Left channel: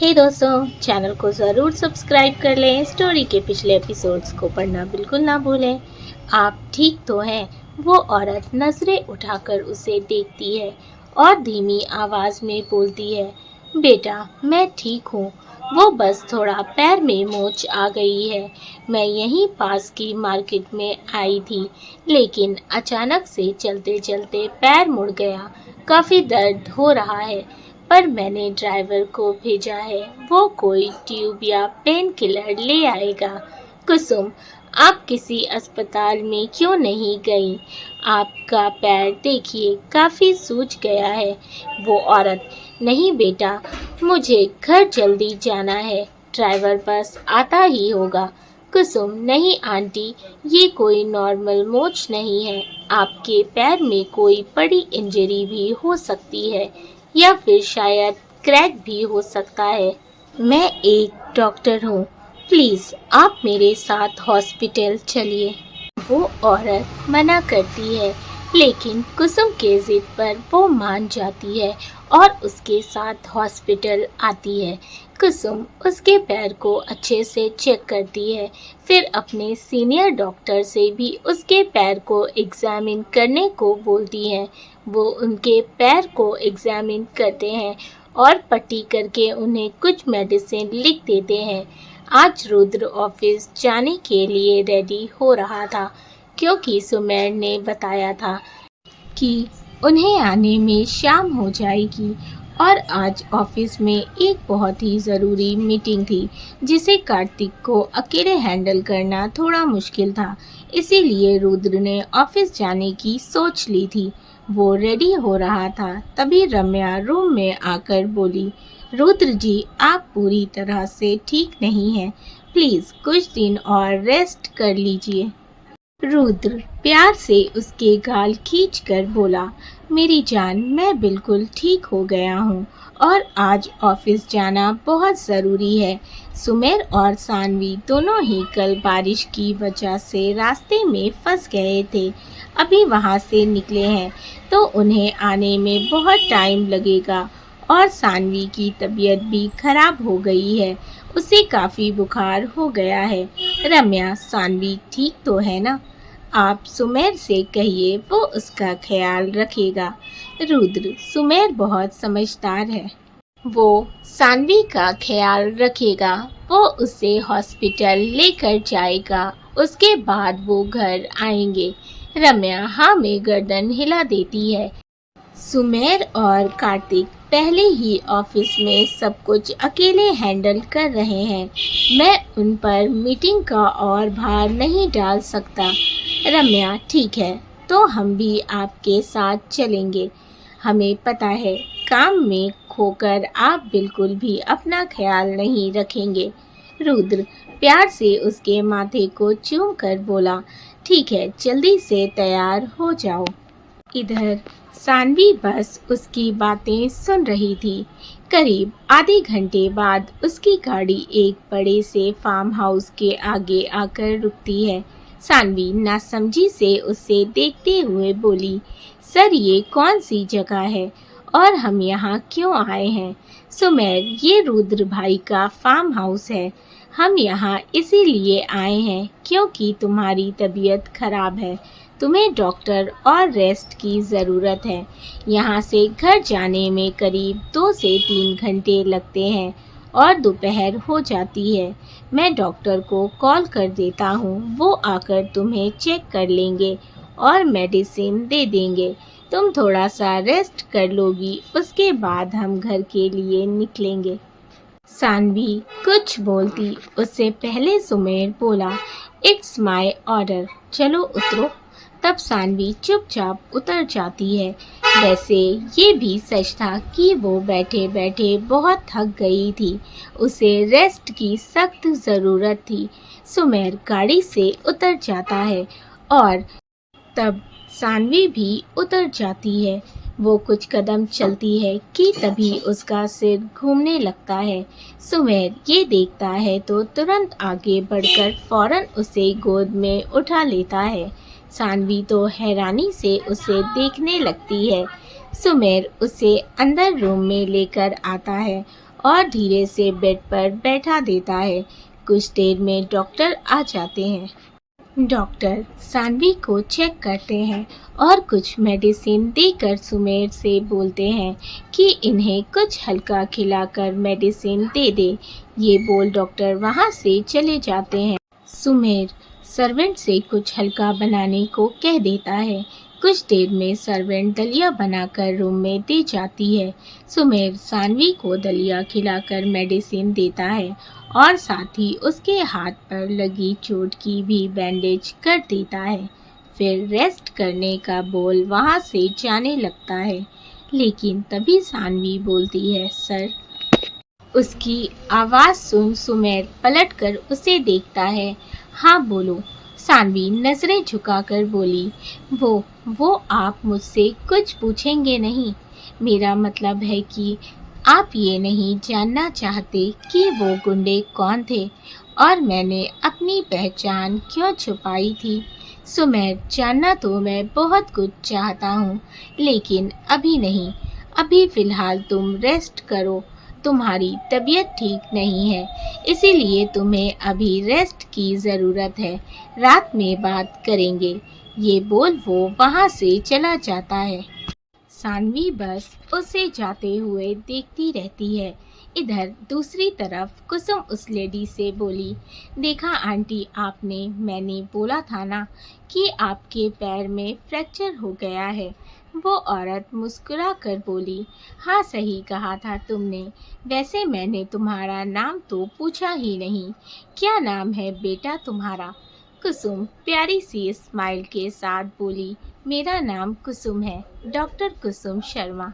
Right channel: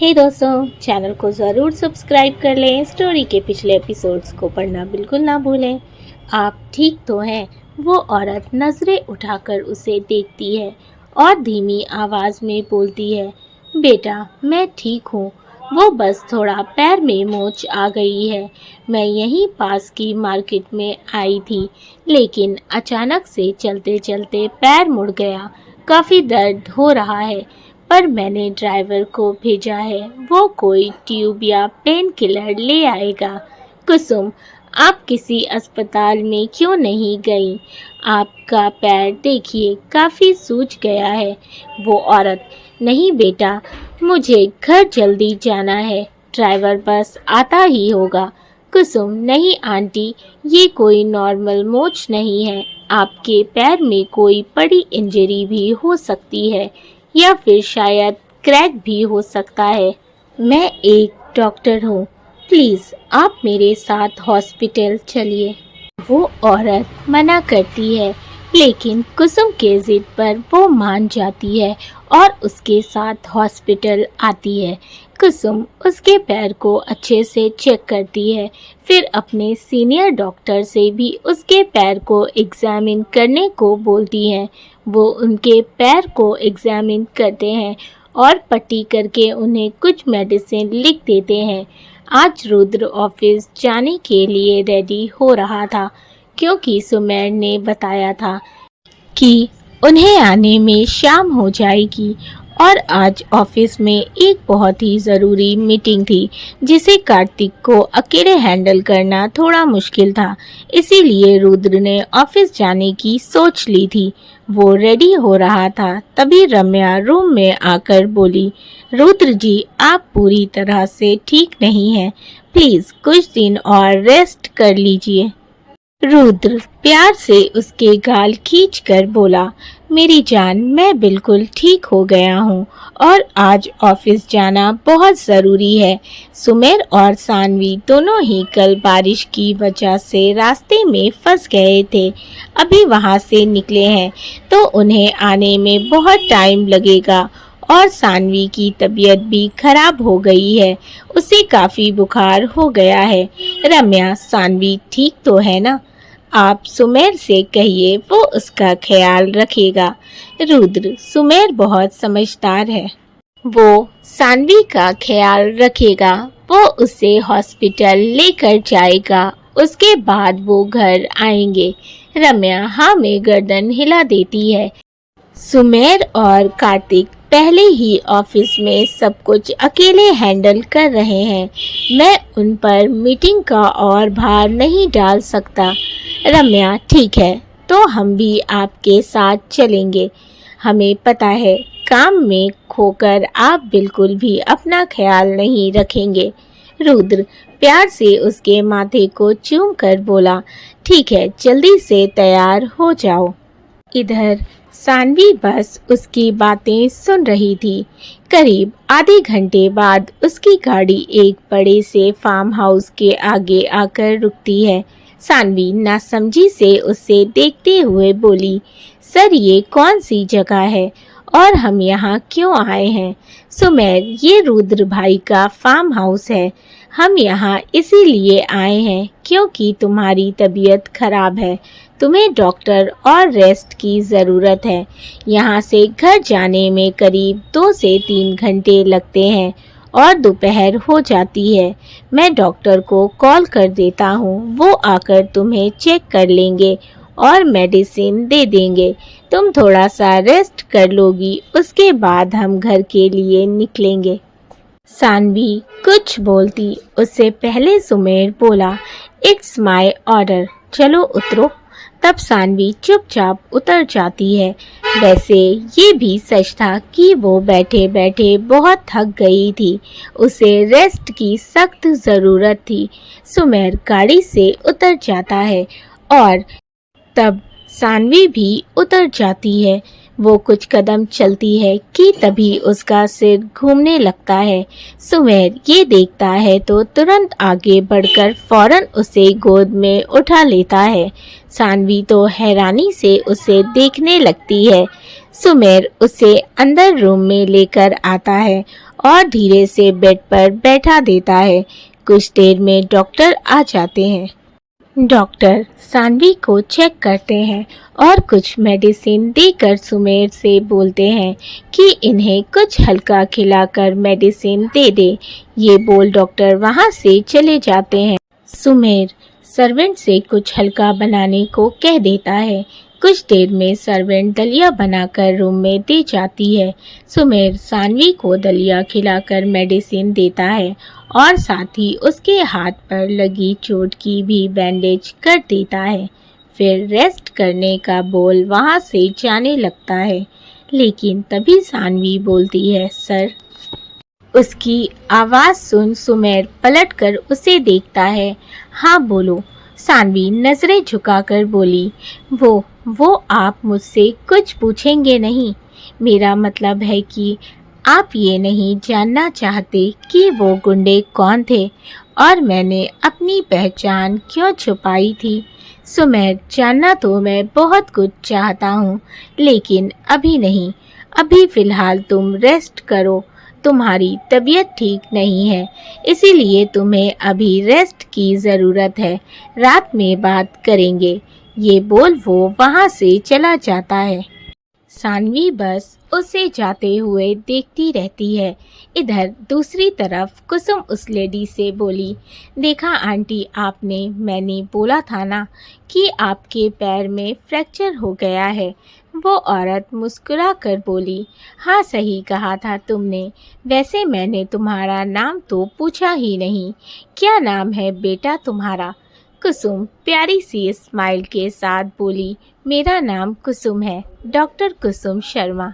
हे दोस्तों, चैनल को ज़रूर सब्सक्राइब कर लें। स्टोरी के पिछले एपिसोड्स को पढ़ना बिल्कुल ना भूलें। आप ठीक तो हैं? वो औरत नज़रें उठाकर उसे देखती है और धीमी आवाज़ में बोलती है, बेटा मैं ठीक हूँ। वो बस थोड़ा पैर में मोच आ गई है। मैं यहीं पास की मार्केट में आई थी, लेकिन अचानक से चलते चलते पैर मुड़ गया। काफ़ी दर्द हो रहा है, पर मैंने ड्राइवर को भेजा है, वो कोई ट्यूब या पेन किलर ले आएगा। कुसुम, आप किसी अस्पताल में क्यों नहीं गई? आपका पैर देखिए, काफ़ी सूज गया है। वो औरत, नहीं बेटा, मुझे घर जल्दी जाना है, ड्राइवर बस आता ही होगा। कुसुम, नहीं आंटी, ये कोई नॉर्मल मोच नहीं है। आपके पैर में कोई बड़ी इंजरी भी हो सकती है, या फिर शायद क्रैक भी हो सकता है। मैं एक डॉक्टर हूँ, प्लीज़ आप मेरे साथ हॉस्पिटल चलिए। वो औरत मना करती है, लेकिन कुसुम के जिद पर वो मान जाती है और उसके साथ हॉस्पिटल आती है। कुसुम उसके पैर को अच्छे से चेक करती है, फिर अपने सीनियर डॉक्टर से भी उसके पैर को एग्जामिन करने को बोलती है। वो उनके पैर को एग्जामिन करते हैं और पट्टी करके उन्हें कुछ मेडिसिन लिख देते हैं। आज रुद्र ऑफिस जाने के लिए रेडी हो रहा था, क्योंकि सुमेर ने बताया था कि उन्हें आने में शाम हो जाएगी और आज ऑफिस में एक बहुत ही ज़रूरी मीटिंग थी, जिसे कार्तिक को अकेले हैंडल करना थोड़ा मुश्किल था। इसीलिए रुद्र ने ऑफिस जाने की सोच ली थी। वो रेडी हो रहा था, तभी रम्या रूम में आकर बोली, रुद्र जी, आप पूरी तरह से ठीक नहीं हैं, प्लीज़ कुछ दिन और रेस्ट कर लीजिए। रुद्र प्यार से उसके गाल खींचकर बोला, मेरी जान, मैं बिल्कुल ठीक हो गया हूँ और आज ऑफिस जाना बहुत ज़रूरी है। सुमेर और सानवी दोनों ही कल बारिश की वजह से रास्ते में फंस गए थे। अभी वहाँ से निकले हैं तो उन्हें आने में बहुत टाइम लगेगा और सानवी की तबीयत भी खराब हो गई है, उसे काफ़ी बुखार हो गया है। रम्या, सानवी ठीक तो है ना? आप सुमेर से कहिए, वो उसका ख्याल रखेगा। रुद्र, सुमेर बहुत समझदार है, वो सानवी का ख्याल रखेगा। वो उसे हॉस्पिटल लेकर जाएगा, उसके बाद वो घर आएंगे। रम्या हाँ में गर्दन हिला देती है। सुमेर और कार्तिक पहले ही ऑफिस में सब कुछ अकेले हैंडल कर रहे हैं। मैं उन पर मीटिंग का और भार नहीं डाल सकता। रम्या, ठीक है, तो हम भी आपके साथ चलेंगे। हमें पता है काम में खोकर आप बिल्कुल भी अपना ख्याल नहीं रखेंगे। रुद्र प्यार से उसके माथे को चूम कर बोला, ठीक है, जल्दी से तैयार हो जाओ। इधर सानवी बस उसकी बातें सुन रही थी। करीब आधे घंटे बाद उसकी गाड़ी एक बड़े से फार्म हाउस के आगे आकर रुकती है। सानवी नासमझी से उसे देखते हुए बोली, सर ये कौन सी जगह है और हम यहाँ क्यों आए हैं? सुमेर, ये रुद्र भाई का फार्म हाउस है। हम यहाँ इसीलिए आए हैं क्योंकि तुम्हारी तबीयत खराब है, तुम्हें डॉक्टर और रेस्ट की ज़रूरत है। यहाँ से घर जाने में करीब 2 से 3 घंटे लगते हैं और दोपहर हो जाती है। मैं डॉक्टर को कॉल कर देता हूँ, वो आकर तुम्हें चेक कर लेंगे और मेडिसिन दे देंगे। तुम थोड़ा सा रेस्ट कर लोगी, उसके बाद हम घर के लिए निकलेंगे। सानवी कुछ बोलती उससे पहले सुमेर बोला, इट्स माय ऑर्डर, चलो उतरो। तब सानवी चुपचाप उतर जाती है। वैसे ये भी सच था कि वो बैठे बैठे बहुत थक गई थी, उसे रेस्ट की सख्त ज़रूरत थी। सुमेर गाड़ी से उतर जाता है और तब सानवी भी उतर जाती है। वो कुछ कदम चलती है कि तभी उसका सिर घूमने लगता है। सुमेर ये देखता है तो तुरंत आगे बढ़कर फौरन उसे गोद में उठा लेता है। सानवी तो हैरानी से उसे देखने लगती है। सुमेर उसे अंदर रूम में लेकर आता है और धीरे से बेड पर बैठा देता है। कुछ देर में डॉक्टर आ जाते हैं। डॉक्टर सानवी को चेक करते हैं और कुछ मेडिसिन देकर सुमेर से बोलते हैं कि इन्हें कुछ हल्का खिलाकर मेडिसिन दे दे। ये बोल डॉक्टर वहाँ से चले जाते हैं। सुमेर सर्वेंट से कुछ हल्का बनाने को कह देता है। कुछ देर में सर्वेंट दलिया बनाकर रूम में दे जाती है। सुमेर सानवी को दलिया खिलाकर मेडिसिन देता है और साथ ही उसके हाथ पर लगी चोट की भी बैंडेज कर देता है। फिर रेस्ट करने का बोल वहाँ से जाने लगता है, लेकिन तभी सानवी बोलती है, सर। उसकी आवाज़ सुन सुमेर पलटकर उसे देखता है। हाँ बोलो। सानवी नज़रें झुकाकर बोली, वो आप मुझसे कुछ पूछेंगे नहीं। मेरा मतलब है कि आप ये नहीं जानना चाहते कि वो गुंडे कौन थे और मैंने अपनी पहचान क्यों छुपाई थी। सुमेर, जानना तो मैं बहुत कुछ चाहता हूँ, लेकिन अभी नहीं। अभी फ़िलहाल तुम रेस्ट करो। तुम्हारी तबीयत ठीक नहीं है, इसीलिए तुम्हें अभी रेस्ट की ज़रूरत है। रात में बात करेंगे। ये बोल वो वहाँ से चला जाता है। सानवी बस उसे जाते हुए देखती रहती है। इधर दूसरी तरफ कुसुम उस लेडी से बोली, देखा आंटी, मैंने बोला था ना कि आपके पैर में फ्रैक्चर हो गया है। वो औरत मुस्कुरा कर बोली, हाँ सही कहा था तुमने। वैसे मैंने तुम्हारा नाम तो पूछा ही नहीं। क्या नाम है बेटा तुम्हारा? कुसुम प्यारी सी स्माइल के साथ बोली, मेरा नाम कुसुम है, डॉक्टर कुसुम शर्मा।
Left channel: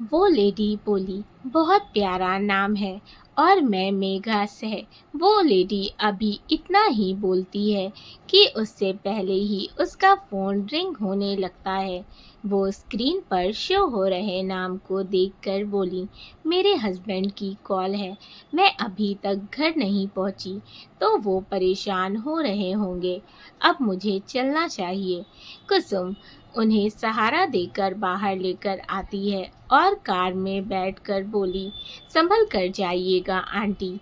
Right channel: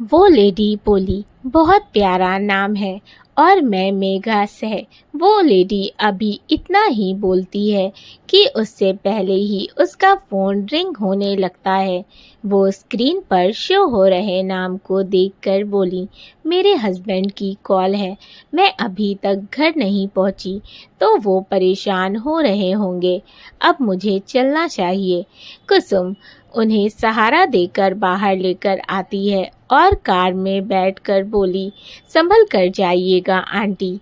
वो लेडी बोली, बहुत प्यारा नाम है। और मैं मेघा सह। वो लेडी अभी इतना ही बोलती है कि उससे पहले ही उसका फ़ोन रिंग होने लगता है। वो स्क्रीन पर शो हो रहे नाम को देखकर बोली, मेरे हस्बैंड की कॉल है। मैं अभी तक घर नहीं पहुंची तो वो परेशान हो रहे होंगे। अब मुझे चलना चाहिए। कुसुम उन्हें सहारा देकर बाहर लेकर आती है और कार में बैठकर बोली, संभल कर जाइएगा आंटी।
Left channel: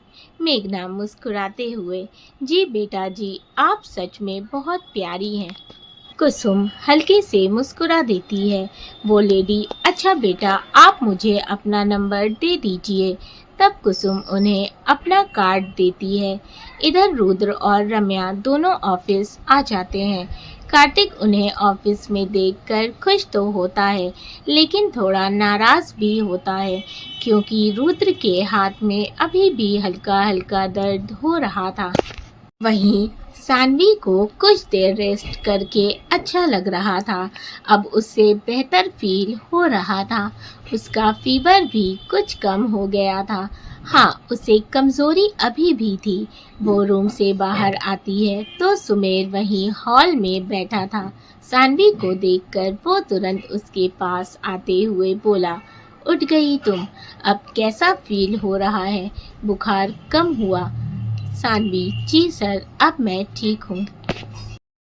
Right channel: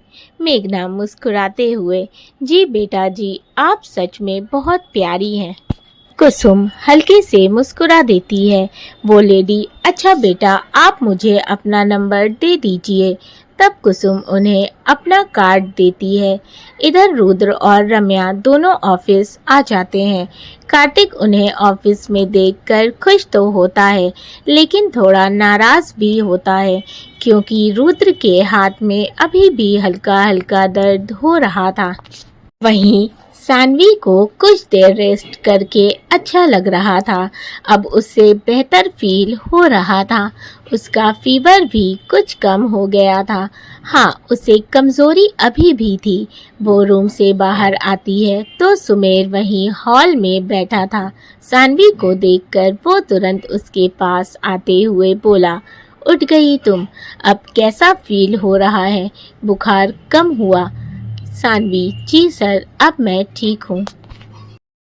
मेघना मुस्कुराते हुए, जी बेटा जी, आप सच में बहुत प्यारी हैं। कुसुम हल्के से मुस्कुरा देती है। वो लेडी, अच्छा बेटा, आप मुझे अपना नंबर दे दीजिए। तब कुसुम उन्हें अपना कार्ड देती है। इधर रुद्र और रम्या दोनों ऑफिस आ जाते हैं। कार्तिक उन्हें ऑफिस में देखकर खुश तो होता है, लेकिन थोड़ा नाराज भी होता है, क्योंकि रुद्र के हाथ में अभी भी हल्का हल्का दर्द हो रहा था। वहीं सानवी को कुछ देर रेस्ट करके अच्छा लग रहा था। अब उससे बेहतर फील हो रहा था। उसका फीवर भी कुछ कम हो गया था। हाँ, उसे कमज़ोरी अभी भी थी। वो रूम से बाहर आती है तो सुमेर वहीं हॉल में बैठा था। सानवी को देखकर वो तुरंत उसके पास आते हुए बोला, उठ गई तुम? अब कैसा फील हो रहा है? बुखार कम हुआ? सानवी, जी सर, अब मैं ठीक हूँ।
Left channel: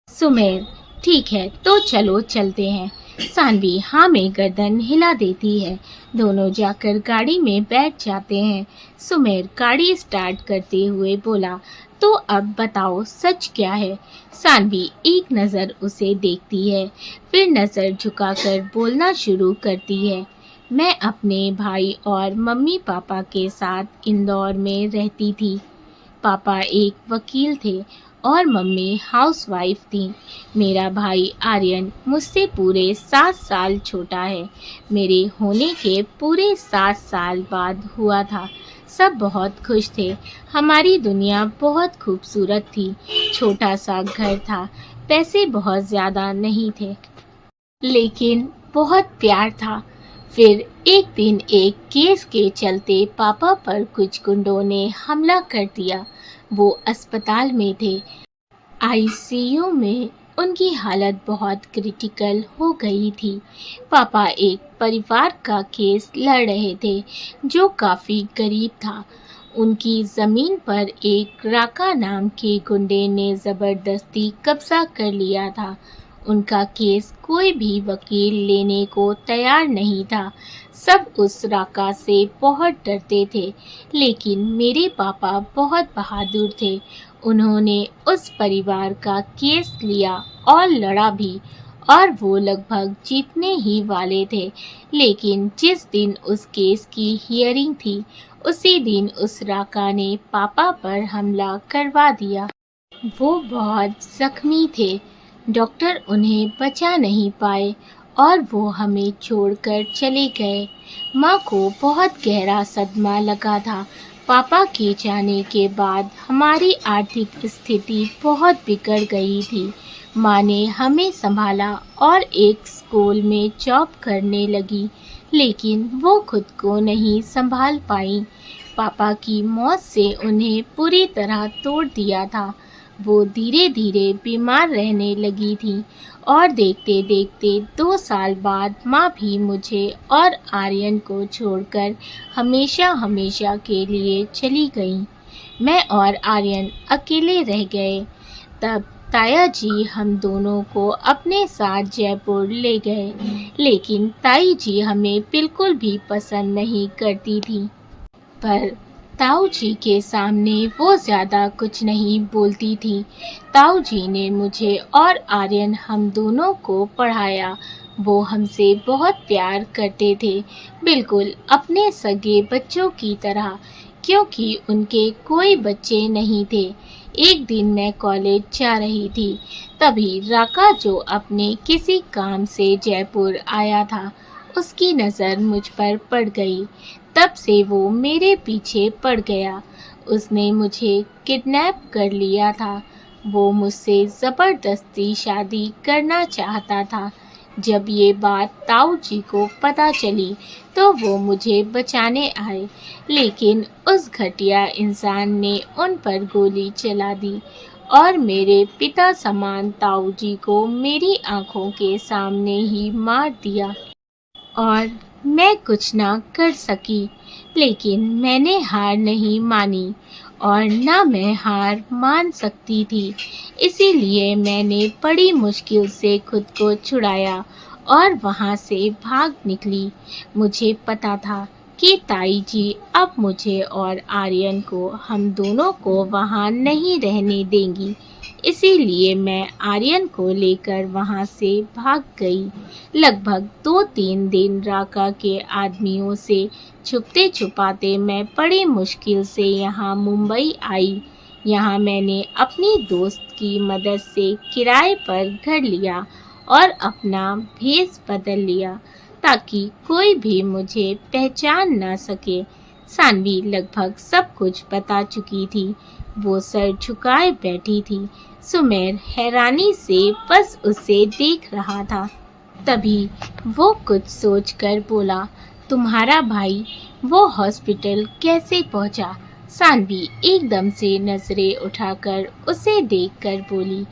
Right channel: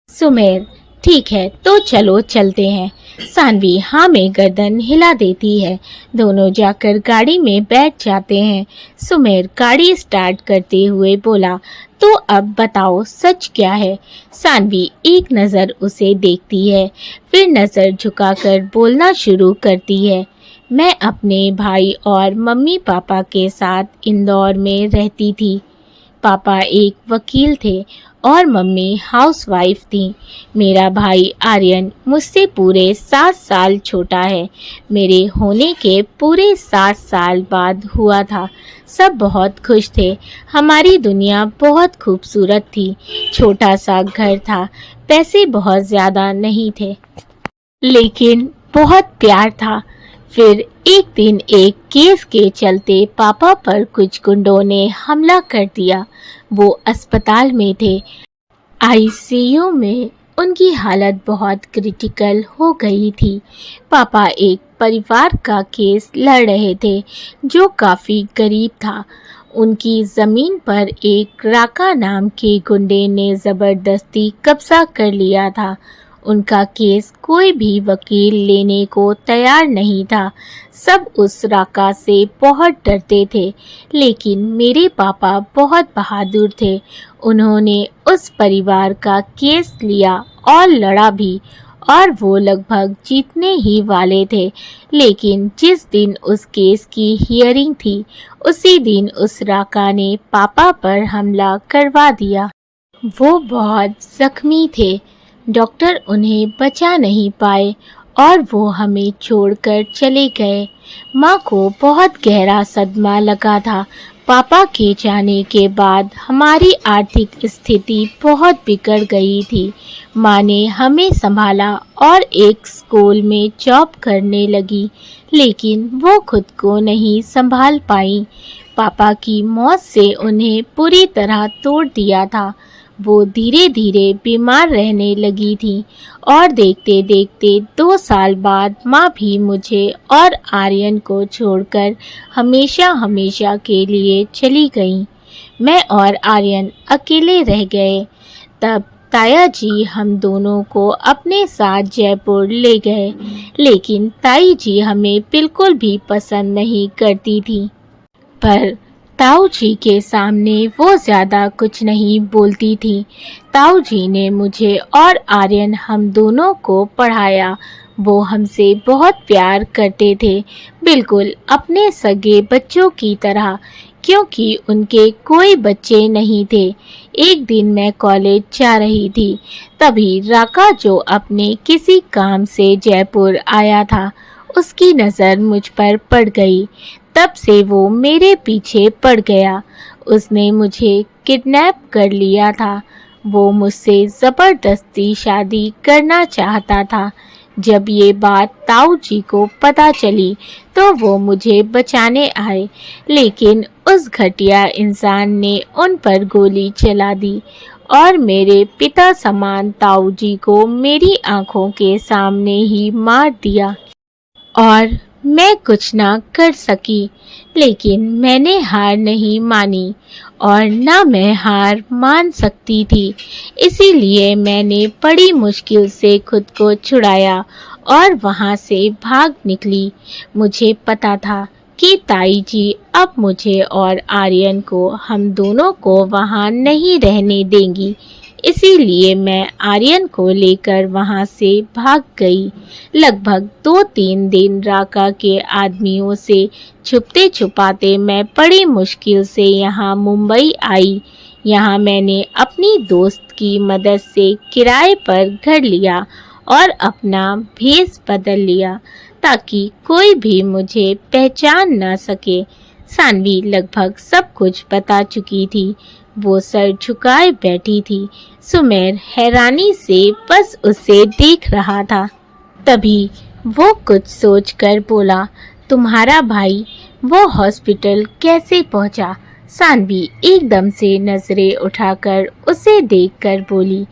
सुमेर, ठीक है तो चलो चलते हैं। सानवी हाँ में गर्दन हिला देती है। दोनों जाकर गाड़ी में बैठ जाते हैं। सुमेर गाड़ी स्टार्ट करते हुए बोला, तो अब बताओ सच क्या है? सानवी एक नज़र उसे देखती है, फिर नज़र झुकाकर बोलना शुरू करती है, मैं अपने भाई और मम्मी पापा के साथ इंदौर में रहती थी। पापा एक वकील थे और मम्मी हाउसवाइफ थी। मेरा भाई आर्यन मुझसे पूरे 7 साल छोटा है। मेरे होने के पूरे 7 साल बाद हुआ था। सब बहुत खुश थे। हमारी दुनिया बहुत खूबसूरत थी। छोटा सा घर था। पैसे बहुत ज़्यादा नहीं थे, लेकिन बहुत प्यार था। फिर एक दिन एक केस के चलते पापा पर कुछ गुंडों ने हमला कर दिया। वो अस्पताल में थे, आईसीयू में। उनकी हालत बहुत क्रिटिकल हो गई थी। पापा एक परिवार का केस लड़ रहे थे जो काफ़ी गरीब था। उनकी ज़मीन पर एक राका नाम के गुंडे ने ज़बरदस्ती कब्जा कर लिया था उनका केस कोई भी वकील लेने को तैयार नहीं था। सब उस राका से बहुत डरते थे, लेकिन मेरे पापा बहुत बहादुर थे। उन्होंने उस परिवार का केस लिया और लड़ा भी, और वो लगभग जीतने ही वाले थे। लेकिन जिस दिन उस केस की हियरिंग थी, उसी दिन उस राका ने पापा पर हमला करवा दिया। वो बहुत जख्मी थे। डॉक्टर उन्हें बचा नहीं पाए और वो हमें छोड़कर चले गए। माँ को बहुत गहरा सदमा लगा था। पापा के जाने के बाद हमारी आर्थिक स्थिति बहुत बिगड़ गई थी। माँ ने हमें संभाला और एक स्कूल में जॉब करने लगी, लेकिन वो खुद को नहीं संभाल पाई। पापा की मौत से उन्हें पूरी तरह तोड़ दिया था। वो धीरे धीरे बीमार रहने लगी थी और देखते देखते 2 साल बाद माँ भी मुझे और आर्यन को छोड़कर हमेशा हमेशा के लिए चली गई। मैं और आर्यन अकेले रह गए। तब ताया जी हम दोनों को अपने साथ जयपुर ले गए, लेकिन ताई जी हमें बिल्कुल भी पसंद नहीं करती थी। पर ताऊ जी के सामने वो ज़्यादा कुछ नहीं बोलती थी। ताऊ जी ने मुझे और आर्यन हम दोनों को पढ़ाया। वो हमसे बहुत प्यार करते थे, बिल्कुल अपने सगे बच्चों की तरह, क्योंकि उनके कोई बच्चे नहीं थे। एक दिन मैं कॉलेज जा रही थी, तभी राका जो अपने किसी काम से जयपुर आया था, उसकी नज़र मुझ पर पड़ गई। तब से वो मेरे पीछे पड़ गया। उसने मुझे किडनैप कर लिया था। वो मुझसे ज़बरदस्ती शादी करना चाहता था। जब ये बात ताऊ जी को पता चली तो वो मुझे बचाने आए, लेकिन उस घटिया इंसान ने उन पर गोली चला दी और मेरे पिता समान ताऊ जी को मेरी आंखों के सामने ही मार दिया। और मैं कुछ ना कर सकी, लेकिन मैंने हार नहीं मानी और ना मैं हार मान सकती थी। इसीलिए मैंने बड़ी मुश्किल से खुद को छुड़ाया और वहाँ से भाग निकली। मुझे पता था कि ताई जी अब मुझे और आर्यन को, हम दोनों को वहाँ नहीं रहने देंगी। इसीलिए मैं आर्यन को लेकर वहाँ से भाग गई। लगभग 2-3 दिन राका के आदमियों से छुपते छुपाते मैं बड़ी मुश्किल से यहाँ मुंबई आई। यहाँ मैंने अपनी दोस्त की मदद से किराए पर घर लिया और अपना भेष बदल लिया, ताकि कोई भी मुझे पहचान न सके। सानवी लगभग सब कुछ बता चुकी थी। वो सर झुकाए बैठी थी। सुमेर हैरानी से बस उसे देख रहा था। तभी वो कुछ सोचकर बोला, तुम्हारा भाई वो हॉस्पिटल कैसे पहुंचा? सानवी एकदम से नजरें उठाकर उसे देखकर बोली,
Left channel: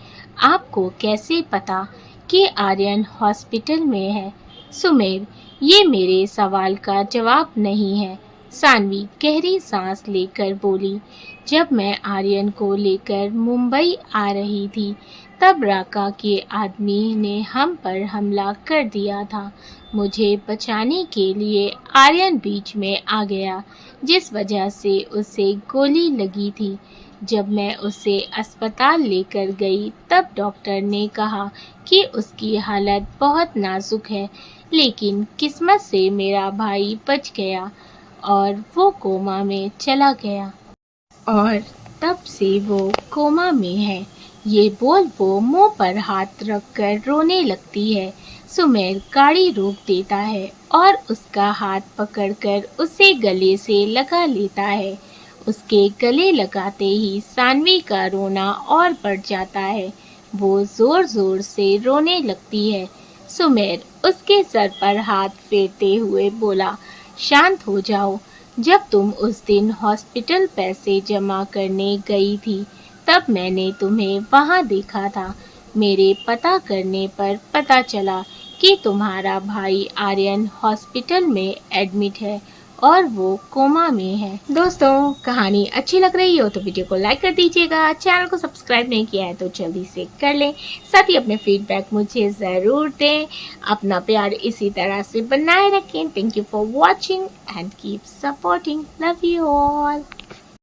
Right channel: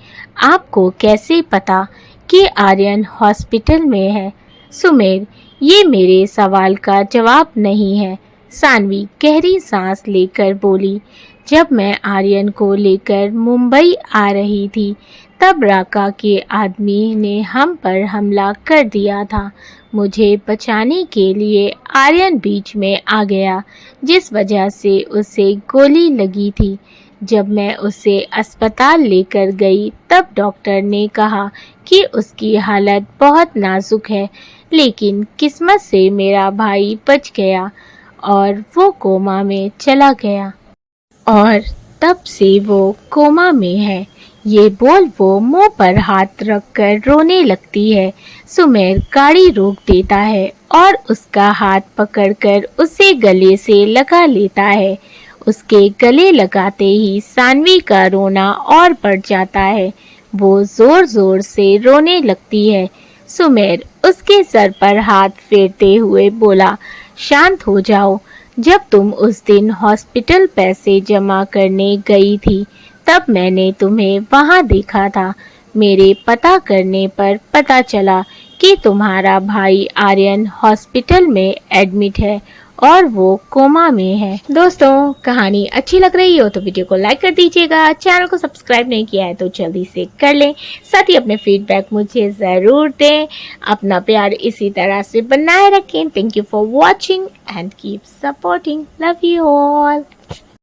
आपको कैसे पता कि आर्यन हॉस्पिटल में है? सुमेर, ये मेरे सवाल का जवाब नहीं है। सानवी गहरी सांस लेकर बोली, जब मैं आर्यन को लेकर मुंबई आ रही थी, तब राका के आदमी ने हम पर हमला कर दिया था। मुझे बचाने के लिए आर्यन बीच में आ गया, जिस वजह से उसे गोली लगी थी। जब मैं उसे अस्पताल लेकर गई, तब डॉक्टर ने कहा कि उसकी हालत बहुत नाजुक है, लेकिन किस्मत से मेरा भाई बच गया और वो कोमा में चला गया। और तब से वो कोमा में है। ये बोल वो मुंह पर हाथ रखकर रोने लगती है। सुमेर गाड़ी रोक देता है और उसका हाथ पकड़कर उसे गले से लगा लेता है। उसके गले लगाते ही सानवी का रोना और बढ़ जाता है। वो जोर जोर से रोने लगती है। सुमेर उसके सर पर हाथ फेरते हुए बोला, शांत हो जाओ। जब तुम उस दिन हॉस्पिटल पैसे जमा करने गई थी, तब मैंने तुम्हें वहां देखा था। मेरे पता करने पर पता चला कि तुम्हारा भाई आर्यन हॉस्पिटल में एडमिट है और वो कोमा में है। दोस्तों, कहानी अच्छी लग रही हो तो वीडियो को लाइक कर दीजिएगा, चैनल को सब्सक्राइब नहीं किया है तो जल्दी से कर लें, साथ ही अपने फीडबैक मुझे ज़रूर दें। अपना प्यार इसी तरह से बनाए रखें। Thank you for watching and keep supporting. Love you all.